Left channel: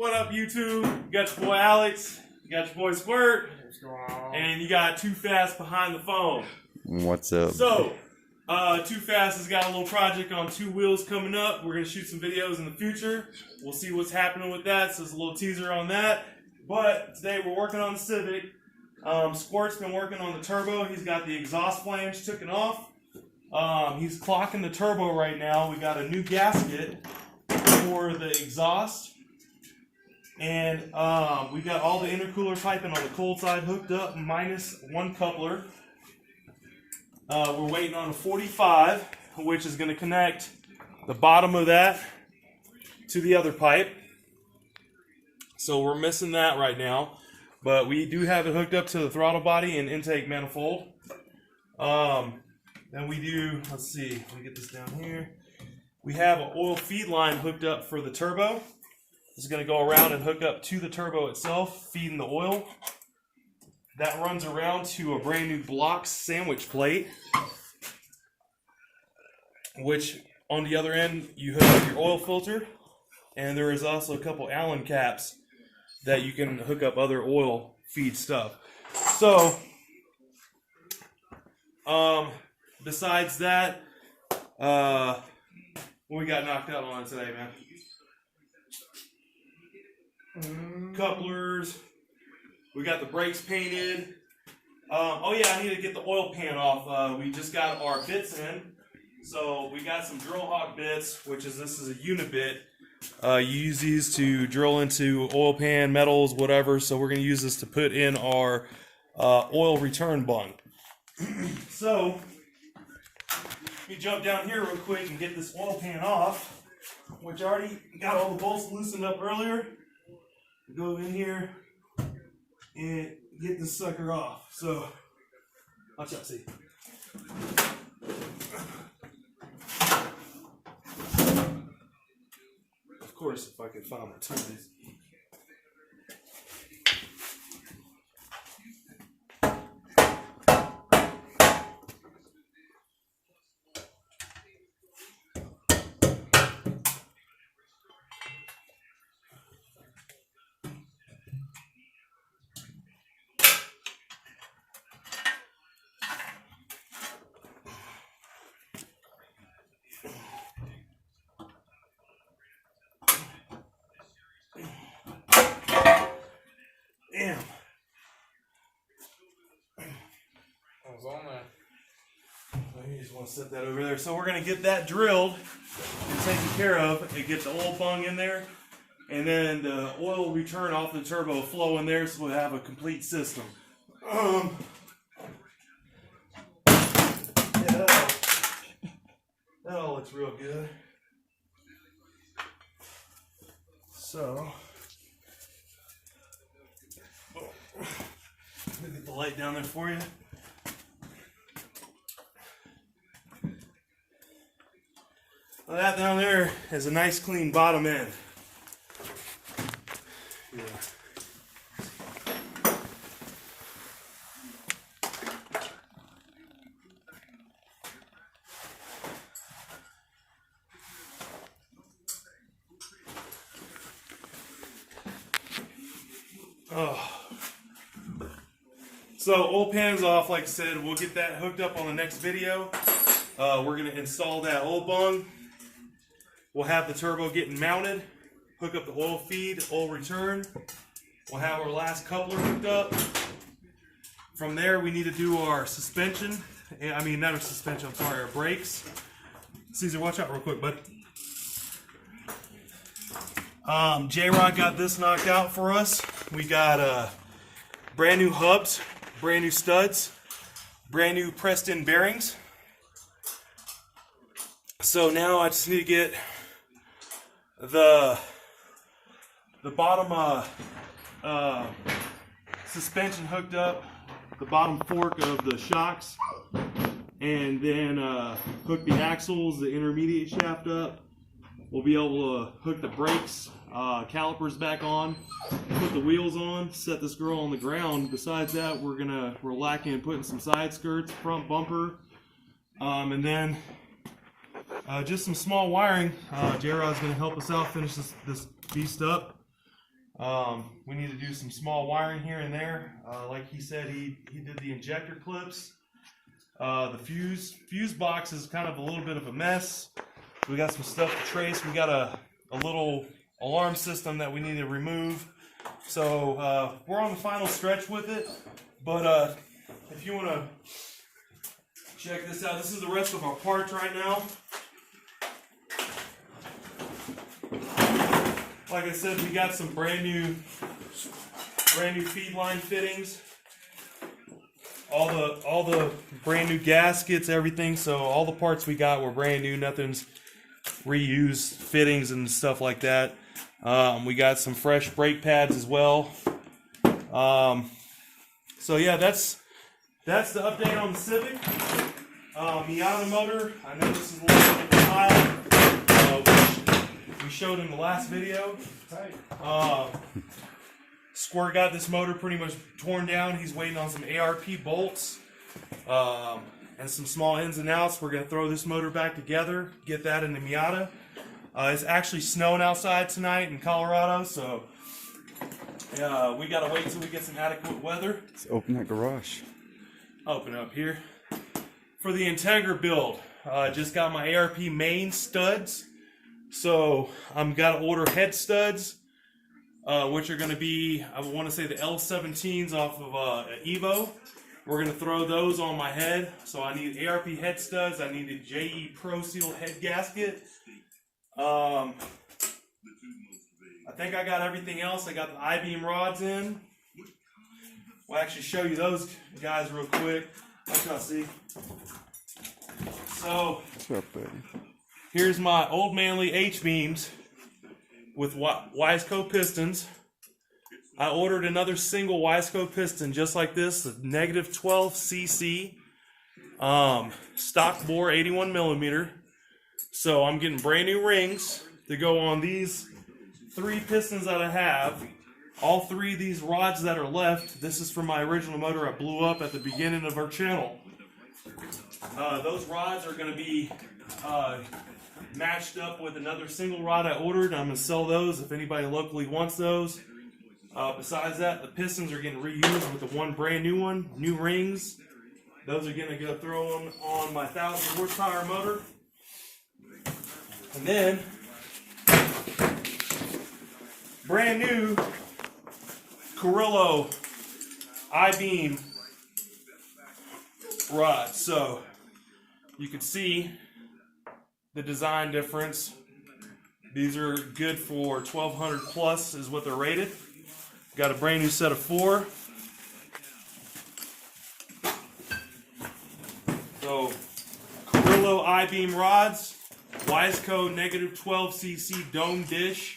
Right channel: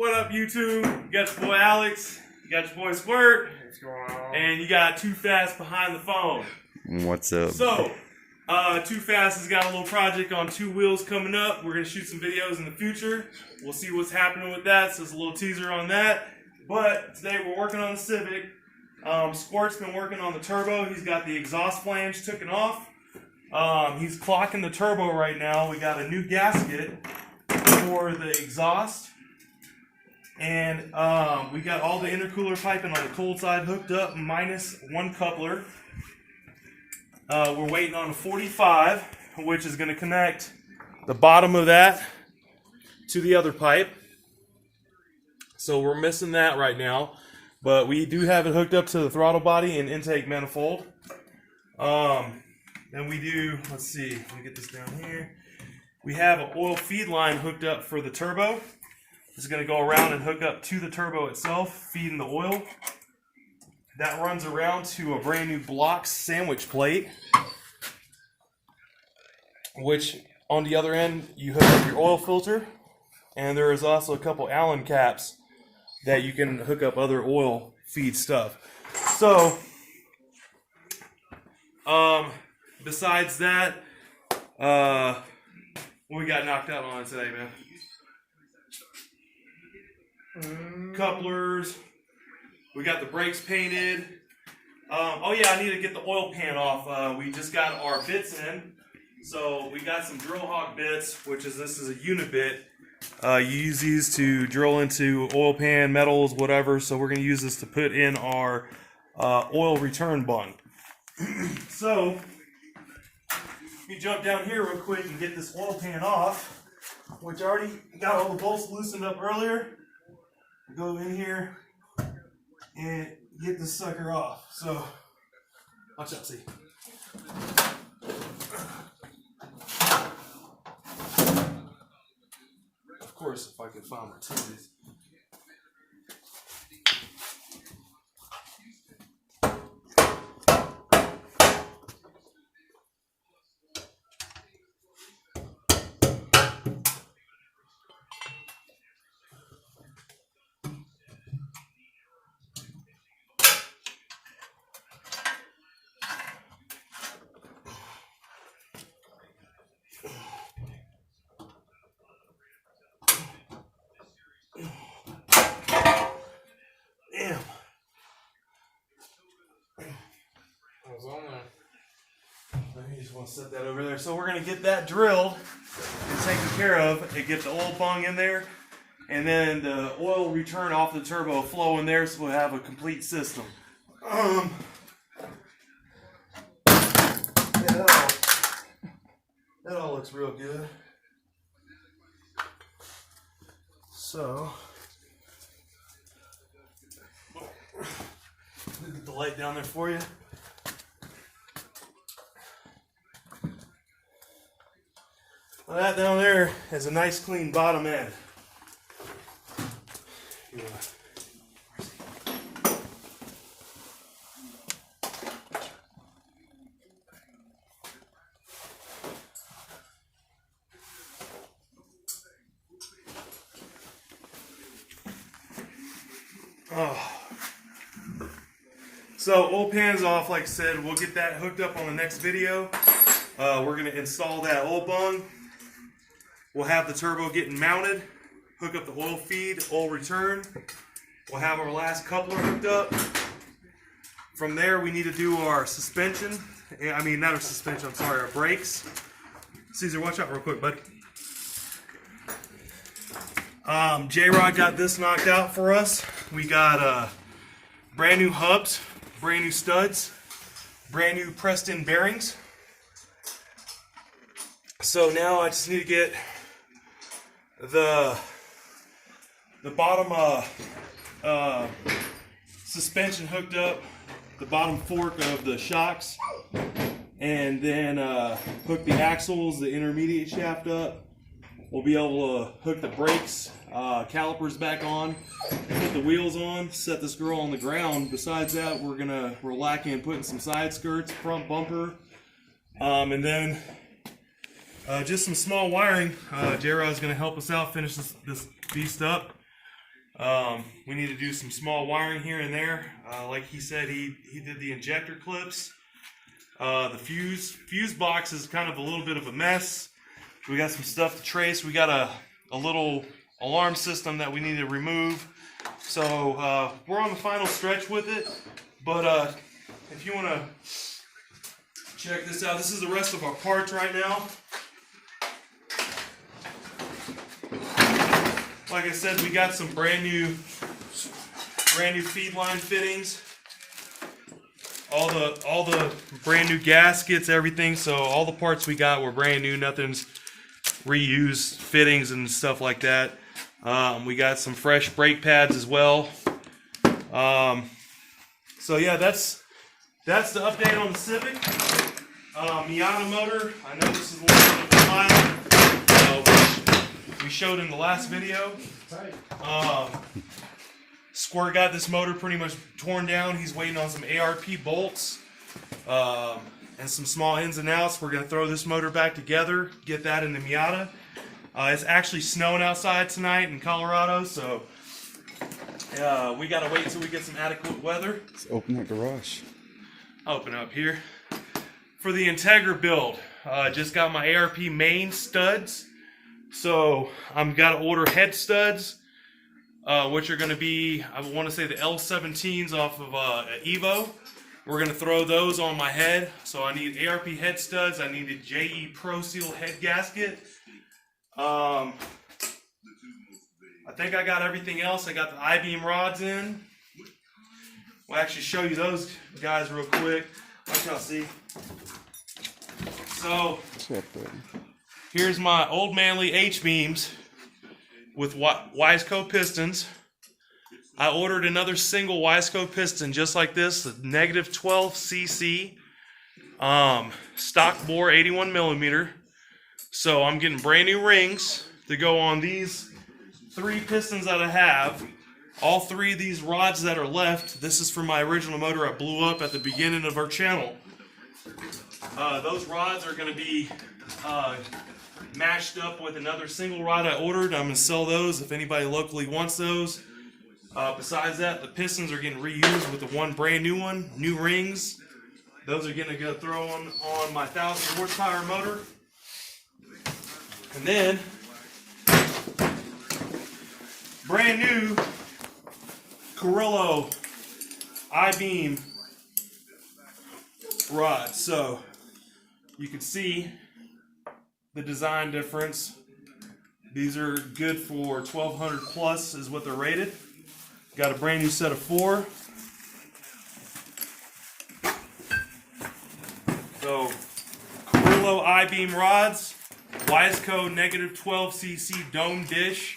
What up, YouTube? You got your boy Alex, you got your boy Squirt, and you got Too Fast behind the phone. What's up? So, Too Fast has got a little project on two wheels coming up. We're going to shoot some videos in the future. We'll see what's happening with that, so it's a little teaser on that. But today we're working on the Civic. Squirt's been working on the turbo. He's got the exhaust flange taken off. He's clocking the turbo right now. We got a new gasket for the exhaust. And we got all the intercooler piping on the cold side hooked up, minus one coupler. We're waiting on a 45, which is going to connect the bottom of that to the other pipe. So we're missing that right now. But we do have it hooked up to the throttle body and intake manifold. And we do, let's see, let me get this down here. We have an oil feed line hooked up for the turbo. It's going to go around and hook up to the turbo itself, feeding the oil. That runs around to a brand new block sandwich plate, which on the other end you hook up your oil filter, and there is also a couple Allen caps that you can hook up other oil feed stuff. So, besides that, what we got knocked out on today, man? Couplers. We got the brakes painted. Oh yeah, I need to get the oil pan off. We just got our bits in. So we got some drill hawk bits, this is a unit bit. You use these to drill into oil pan, metals, whatever. So we're going to use this to put in our oil return bung. So, let me jump down here real quick and get this oil pan off, which I already got all the bolts loosened up earlier. Go in here and get this sucker off. So, watch out, see. Of course, if I can find my tools. Damn. I was on that. You just want to set that over there. So we're going to get that drilled and taken care of and get the oil bung in there. And then the oil return off the turbo flow in there, so we'll have a complete system. That all looks real good. So, let me get the light down there for you. Well, that down there has a nice clean bottom end. Yeah. So oil pan's off, like I said. We'll get that hooked up on the next video. We're going to install that oil bung. We'll have the turbo getting mounted, hook up the oil feed, oil return. We'll have our last coupler hooked up. From there, we need to do our suspension. I mean, not our suspension, I'm sorry, our brakes. Caesar, watch out real quick, bud. J-Rod got this knocked out for us. We got brand new hubs, brand new studs, brand new pressed in bearings. So now I just need to get the bottom suspension hooked up, the bottom fork of the shocks, and then hook the axles, the intermediate shaft up. We'll be able to hook the brakes, calipers back on, put the wheels on, set this girl on the ground. Besides that, we're lacking putting some side skirts, front bumper, and then just some small wiring. J-Rod's going to help us out finish this beast up. We need to do some small wiring here and there. Like he said, he did the injector clips. The fuse box is kind of a little bit of a mess. We got some stuff to trace. We got a little alarm system that we need to remove. So we're on the final stretch with it. But if you want to check this out, this is the rest of our parts right now. Like I said, we got some brand new feed line fittings. All the brand new gaskets, everything. So all the parts we got were brand new. Nothing's reused fittings and stuff like that. We got some fresh brake pads as well. So yeah, that's the update on the Civic. Miata motor. I know this is a little bit of a pile, which we showed in the last video. Squirt got this motor pretty much torn down. He's waiting on some ARP bolts and some small ins and outs. We're going to throw this motor back together, get that in the Miata. It's actually snowing outside tonight in Colorado, so we got to wait until we get some adequate weather. Let's open that garage. Open up here. For the Integra build, just got my ARP main studs. So I'm got to order head studs, which are going to be, I want to say the L17s off of Evo. We're going to throw those on my head. So I need ARP head studs. I need a JE Pro Seal head gasket. I think I got everything else. I got the I-beam rods in. We'll actually show you those guys real quick. Let y'all see. So, What's up, buddy? here's my Old Manly H-beams with Wiseco pistons. I ordered another single Wiseco piston just like this, the negative 12 cc, stock bore 81 millimeter. So I'm getting brand new rings to go on these 3 pistons that I have. All 3 of these rods that are left, this is from my original motor I blew up at the beginning of our channel. Those rods are going to be matched up with another single rod I ordered. I'm going to sell those if anybody locally wants those. Besides that, the pistons are getting reused with the one brand new one, new rings. Those are going to go throw on my 1,000 horsepower motor. And then, brand new Carrillo I-beam rod. So you can see the design difference. These are good for 1200 plus is what they're rated. Got a brand new set of 4. So Carrillo I-beam rods, Wiseco negative 12 cc dome dish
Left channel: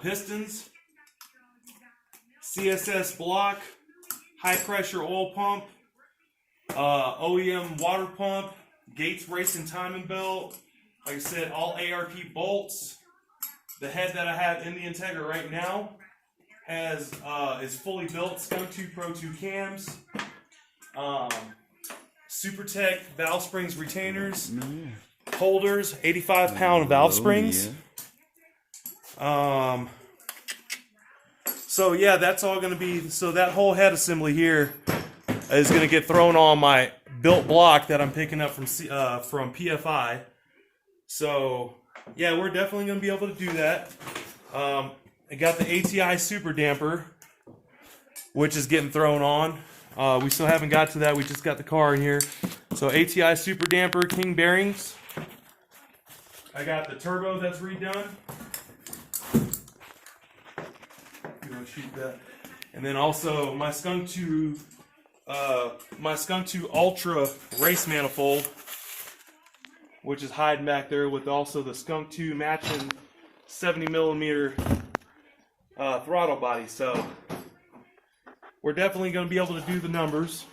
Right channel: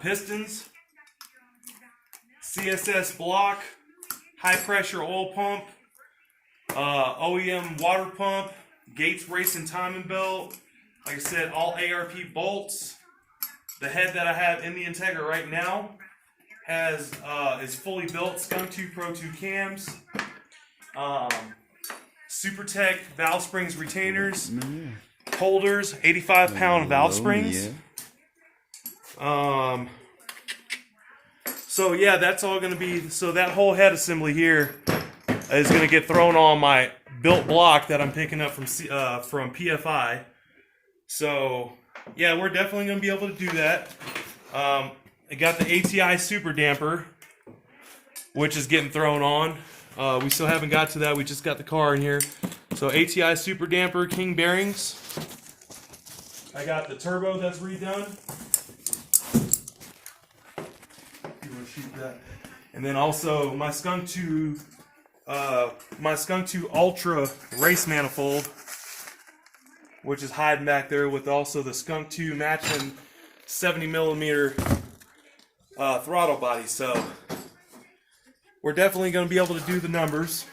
pistons, CSS block, high pressure oil pump, OEM water pump, Gates racing timing belt. Like I said, all ARP bolts. The head that I have in the Integra right now is fully built. Skunk 2 Pro 2 cams, SuperTech valve springs retainers, holders, 85-pound valve springs. So yeah, that's all going to be. So that whole head assembly here is going to get thrown on my built block that I'm picking up from PFI. So yeah, we're definitely going to be able to do that. I got the ATI super damper, which is getting thrown on. We still haven't got to that. We just got the car in here. So ATI super damper, King bearings. I got the turbo that's redone. You want to shoot that? And then also my Skunk 2 Ultra race manifold, which is hiding back there with also the Skunk 2 matching 70 millimeter throttle body. So we're definitely going to be able to do the numbers.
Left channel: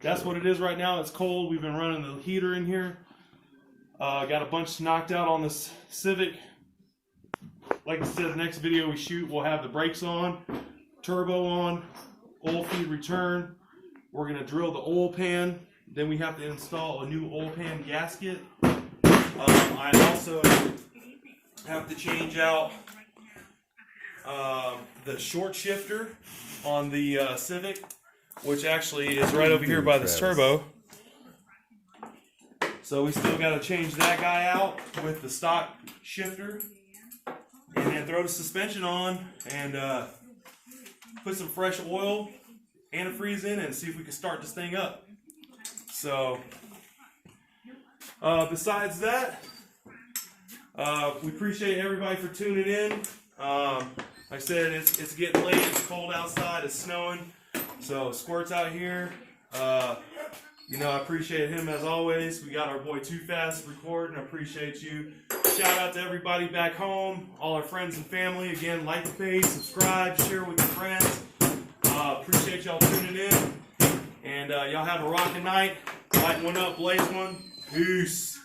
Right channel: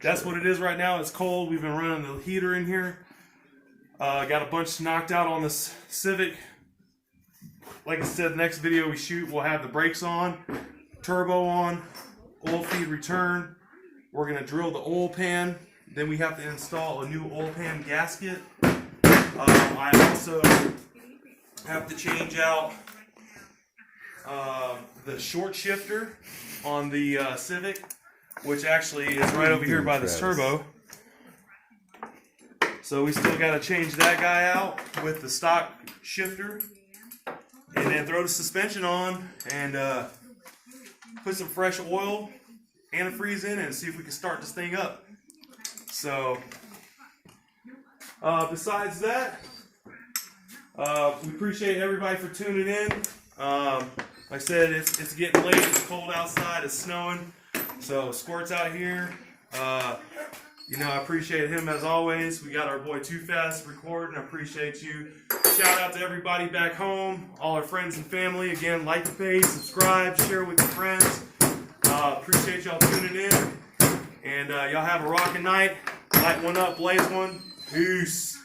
That's what it is right now. It's cold. We've been running the heater in here. Got a bunch knocked out on this Civic. Like I said, the next video we shoot, we'll have the brakes on, turbo on, oil feed return. We're going to drill the oil pan. Then we have to install a new oil pan gasket. I'm also have to change out the short shifter on the Civic, which actually is right over here by this turbo. So we still got to change that guy out with the stock shifter, and then throw the suspension on and put some fresh oil, antifreeze in it, and see if we can start this thing up. So besides that, we appreciate everybody for tuning in. Like I said, it's getting late, it's cold outside, it's snowing, so squirts out here. You know, I appreciate him as always. We got our boy Too Fast recording. I appreciate you. Shout out to everybody back home, all our friends and family. Again, like the page, subscribe, share with your friends. Appreciate y'all tuning in. And y'all have a rocking night. Light one up, blaze one. Peace.